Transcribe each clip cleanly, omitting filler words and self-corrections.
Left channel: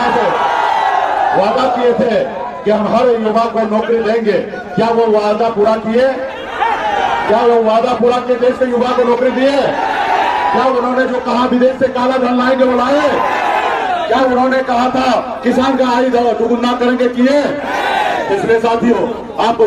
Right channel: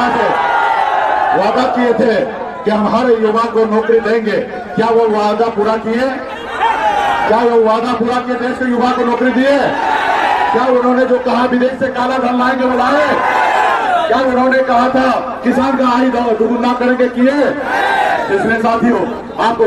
युवा से वादा किए थे कि हम हर युवा को नौकरी देंगे, क्या वो वादा पूरा किए? क्या वो वादा पूरा किए? देश के युवा को नौकरी दिए? क्या उन्होंने जो कहा विदेश से काला धन लाएंगे वो लाए? क्या उन्होंने कहा था किसान का आय दुगुना करेंगे, किए? इसलिए साथियों आपको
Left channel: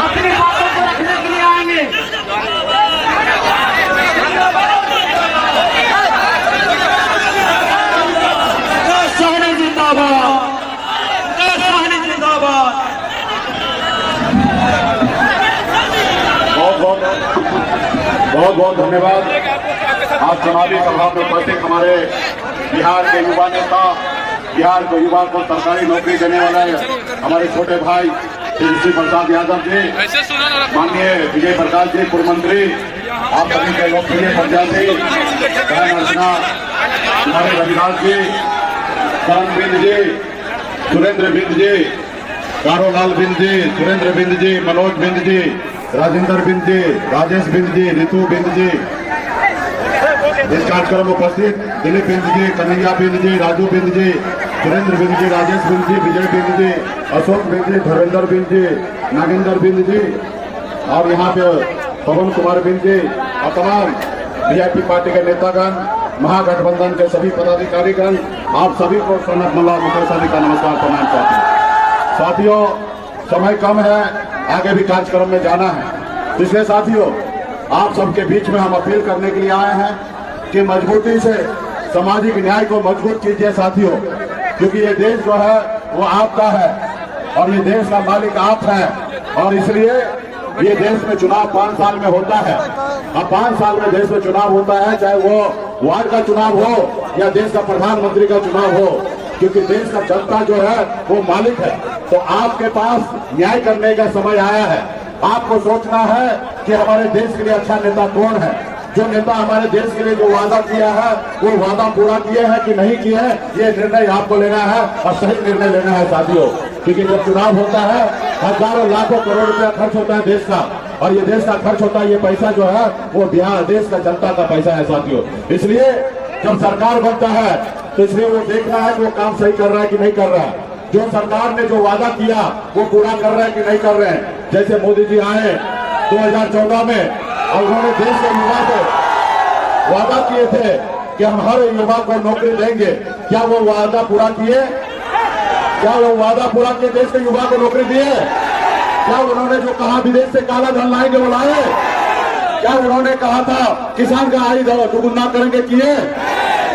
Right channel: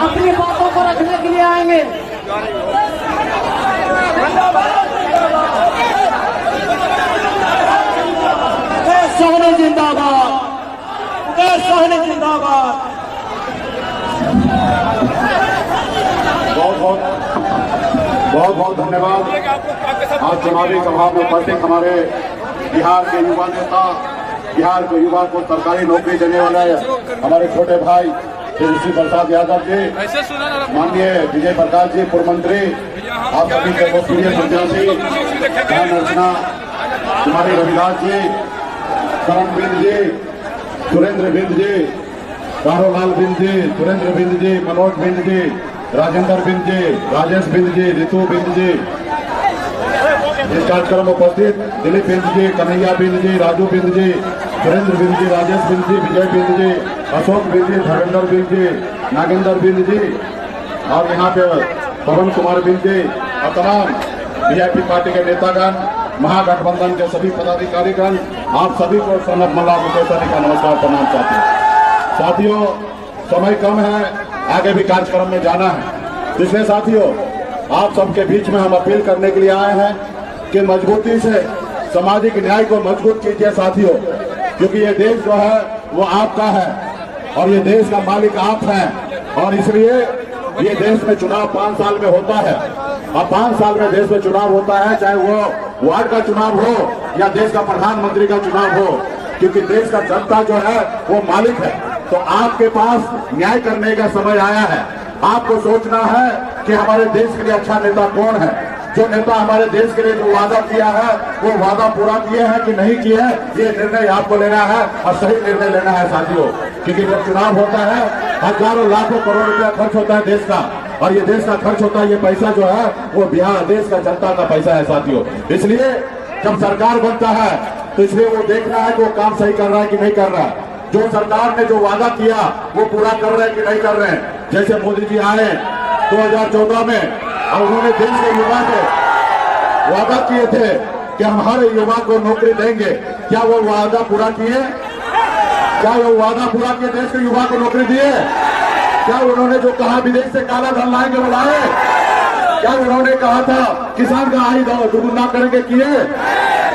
अपनी बातों को रखने के लिए आएंगे। सहने जिंदाबाद, सहने जिंदाबाद। बहुत बहुत धन्यवाद। आज चुनावी सभा में उपस्थित हमारे बिहार के युवा नेता, बिहार के युवा को सरकारी नौकरी देने वाले हमारे छोटे भाई श्री प्रसाद यादव जी, माननीय विजय प्रकाश जी पूर्व मंत्री, आप सभी के लोकप्रिय प्रत्याशी अर्चना, हमारे रविदास जी, करण बिंद जी, सुरेंद्र बिंद जी, कारोलाल बिंद जी, सुरेंद्र बिंद जी, मनोज बिंद जी, राजेंद्र बिंद जी, राजेश बिंद जी, रितु बिंद जी, इस कार्यक्रम में उपस्थित दिलीप बिंद जी, कन्हैया बिंद जी, राजू बिंद जी, सुरेंद्र बिंद जी, राजेश बिंद जी, विजय बिंद जी, अशोक बिंद जी, धर्मेंद्र बिंद जी, नागेंद्र बिंद जी और यहाँ पे पवन कुमार बिंद जी और तमाम बीजेपी पार्टी के नेतागण, महागठबंधन के सभी पदाधिकारीगण, आप सभी को सनत मुल्ला मुकेश का नमस्कार प्रणाम चाहते हैं। साथियों समय कम है, आगे भी कार्यक्रम में जाना है, इसलिए साथियों आप सबके बीच में हम अपील करने के लिए आए हैं कि मजबूती से सामाजिक न्याय को मजबूत कीजिए साथियों, क्योंकि ये देश जो है वो आपका है और ये देश का मालिक आप हैं और इसलिए ये देश में चुनाव 5 साल में होता है और 5 साल में देश में चुनाव होता है, चाहे वो वार्ड का चुनाव हो या देश का प्रधानमंत्री का चुनाव हो, क्योंकि देश का जनता जो है वो मालिक है। तो आपके पास न्याय करने का समय आया है। आपको सोचना है कि हमारे देश के लिए अच्छा नेता कौन है, जो नेता हमारे देश के लिए जो वादा किया है वो वादा पूरा किए हैं कि नहीं किए हैं, ये निर्णय आपको लेना है और सही निर्णय लेना है साथियों। क्योंकि जब चुनाव होता है हजारों लाखों करोड़ रुपया खर्च होता है देश का, और ये देश का खर्च होता है, ये पैसा जो है वो बिहार देश का जनता का पैसा है साथियों। इसलिए जब सरकार बनता है तो इसलिए वो देखना है कि वो काम सही कर रहा है कि नहीं कर रहा है, जो सरकार ने जो वादा किया वो पूरा कर रहे हैं कि नहीं कर रहे हैं। जैसे मोदी जी आए 2014 में और उन्होंने देश के युवा से वादा किए थे कि हम हर युवा को नौकरी देंगे, क्या वो वादा पूरा किए? क्या वो वादा पूरा किए? देश के युवा को नौकरी दिए? क्या उन्होंने जो कहा विदेश से काला धन लाएंगे वो लाए? क्या उन्होंने कहा था किसान का आय दुगुना करेंगे, किए?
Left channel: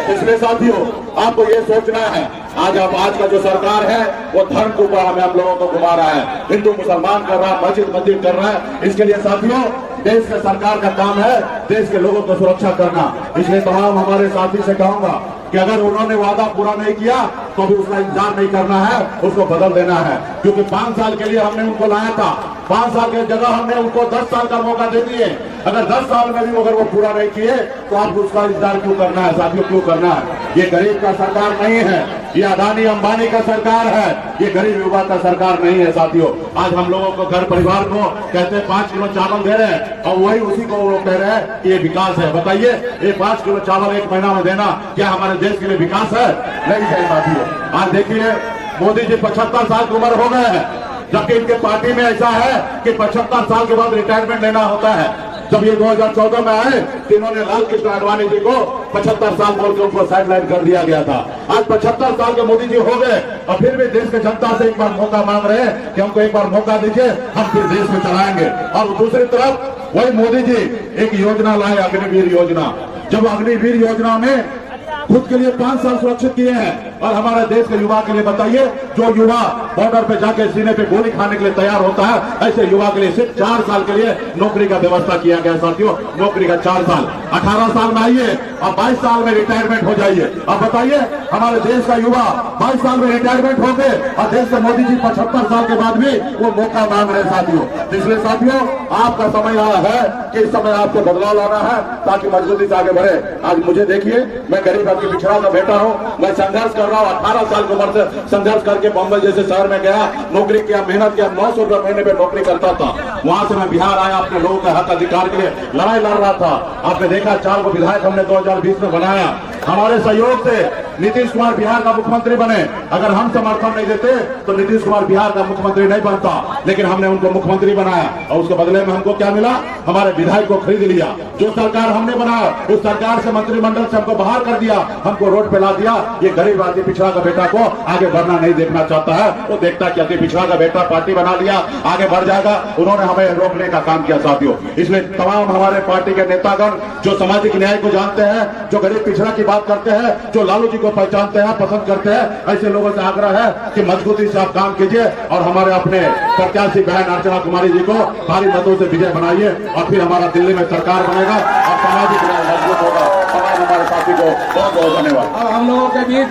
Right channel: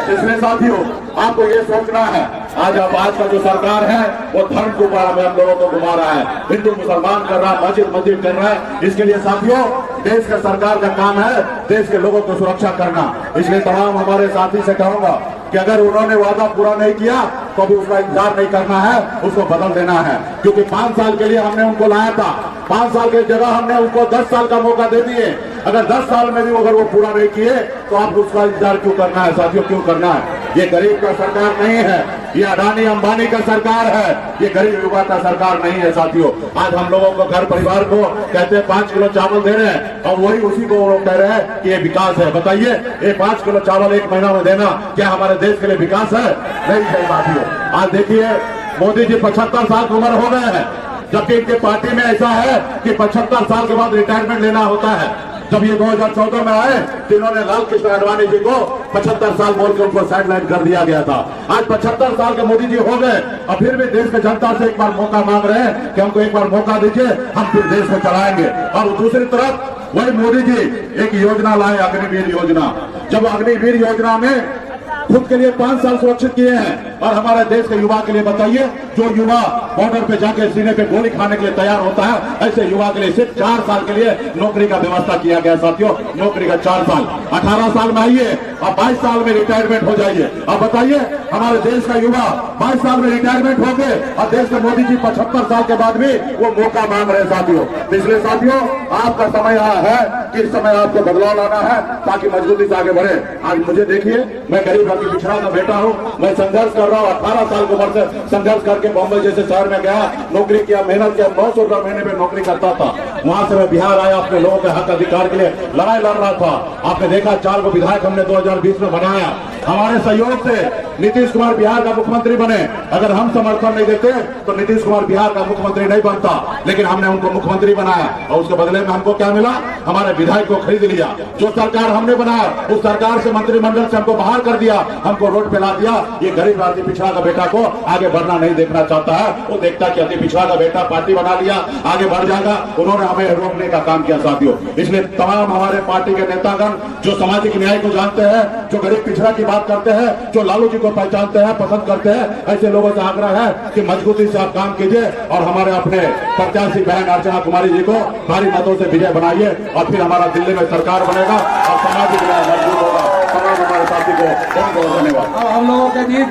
इसलिए साथियों आपको ये सोचना है, आज का जो सरकार है वो धर्म को हम लोगों को घुमा रहा है, हिंदू मुसलमान कर रहा है, मस्जिद मंदिर कर रहा है। इसके लिए साथियों देश का सरकार का काम है देश के लोगों को सुरक्षा करना। इसलिए तमाम हमारे साथी से कहूंगा कि अगर उन्होंने वादा पूरा नहीं किया तो अभी उसका इंतजार नहीं करना है, उसको बदल देना है। क्योंकि 5 साल के लिए हमने उनको लाया था, 5 साल की जगह हमने उनको 10 साल का मौका दे दिए। अगर 10 साल में भी अगर वो पूरा नहीं किए तो आपको उसका इंतजार क्यों करना है साथियों, क्यों करना है? ये गरीब का सरकार नहीं है, ये अडानी अंबानी का सरकार है, ये गरीब युवा का सरकार नहीं है साथियों। आज हम लोगों को घर परिवार को कहते हैं 5 किलो चावल दे रहे हैं और वही उसी को वो लोग कह रहे हैं कि ये विकास है। बताइए, ये 5 किलो चावल 1 महीना में देना क्या हमारे देश के लिए विकास है? नहीं है साथियों। आज देखिए, मोदी जी 75 साल की उम्र हो गए हैं, जबकि इनके पार्टी में ऐसा है कि 75 साल के बाद रिटायरमेंट लेना होता है। जब ये 2014 में आए तो इन्होंने लाल कृष्ण आडवाणी जी को 75 साल बोल के उनको साइडलाइन कर दिया गया था। आज 75 साल के मोदी जी हो गए और फिर भी देश की जनता से एक बार मौका मांग रहे हैं कि हमको एक बार मौका दीजिए, हम फिर देश में चलाएंगे। और दूसरी तरफ वही मोदी जी एक योजना लाए, अग्निवीर योजना। जब अग्निवीर योजना में खुद के लिए 5 साल सुरक्षित किए हैं और हमारे देश के युवा के लिए बताइए, जो युवा बॉर्डर पे जाके सीने पे गोली खाने के लिए तैयार होता है, ऐसे युवा के लिए सिर्फ 4 साल के लिए नौकरी का व्यवस्था किया गया साथियों। नौकरी का 4 साल, 18 साल में आइए और 22 साल में रिटायरमेंट हो जाइए। अब बताइए, हमारे देश का युवा 22 साल में रिटायरमेंट हो गए और देश के मोदी जी 75 साल के बाद भी वो मौका मांग रहे साथियों। इसलिए साथियों, आपका समय आया है कि इस समय आपको बदलाव लाना है ताकि मजबूती से आगे बढ़े। आज मुझे देखिए, मैं गरीब की पिछड़ा में बैठा हूँ, मैं संघर्ष कर रहा हूँ। 18 साल की उम्र से संघर्ष करके बॉम्बे जैसे शहर में गया, नौकरी किया, मेहनत किया, 900 रुपये महीने पे नौकरी करता था। वहां से मैं बिहार आया, अपने लोगों के हक अधिकार के लिए लड़ाई लड़ रहा था। आपने देखा 4 को विधायक हमने 2020 में बनाया। हमारे सहयोग से नीतीश कुमार बिहार का मुख्यमंत्री बने। अगर हम समर्थन नहीं देते तो नीतीश कुमार बिहार का मुख्यमंत्री नहीं बनता, लेकिन हमने उनको मुख्यमंत्री बनाया और उसके बदले में हमको क्या मिला? हमारे विधायक को खरीद लिया। जो सरकार हमने बनाया उस सरकार से, मंत्रिमंडल से हमको बाहर कर दिया, हमको रोड पे ला दिया। ये गरीब अति पिछड़ा का बेटा को आगे बढ़ना नहीं देखना चाहता है। वो देखता कि अति पिछड़ा का बेटा पार्टी बना लिया, आगे बढ़ जाएगा। उन्होंने हमें रोकने का काम किया साथियों। इसलिए तमाम हमारे पार्टी के नेतागण जो सामाजिक न्याय को जानते हैं, जो गरीब पिछड़ा की बात करते हैं, जो लालू जी को पहचानते हैं, पसंद करते हैं, ऐसे लोगों से आग्रह है कि मजबूती से आप काम कीजिए और हमारे अपने प्रत्याशी बहन अर्चना कुमारी जी को भारी मतों से विजय बनाइए और फिर हमारा दिल्ली में सरकार बनेगा और सामाजिक न्याय मजबूत होगा। तमाम हमारे साथी को बहुत बहुत धन्यवाद। हम लोगों के बीच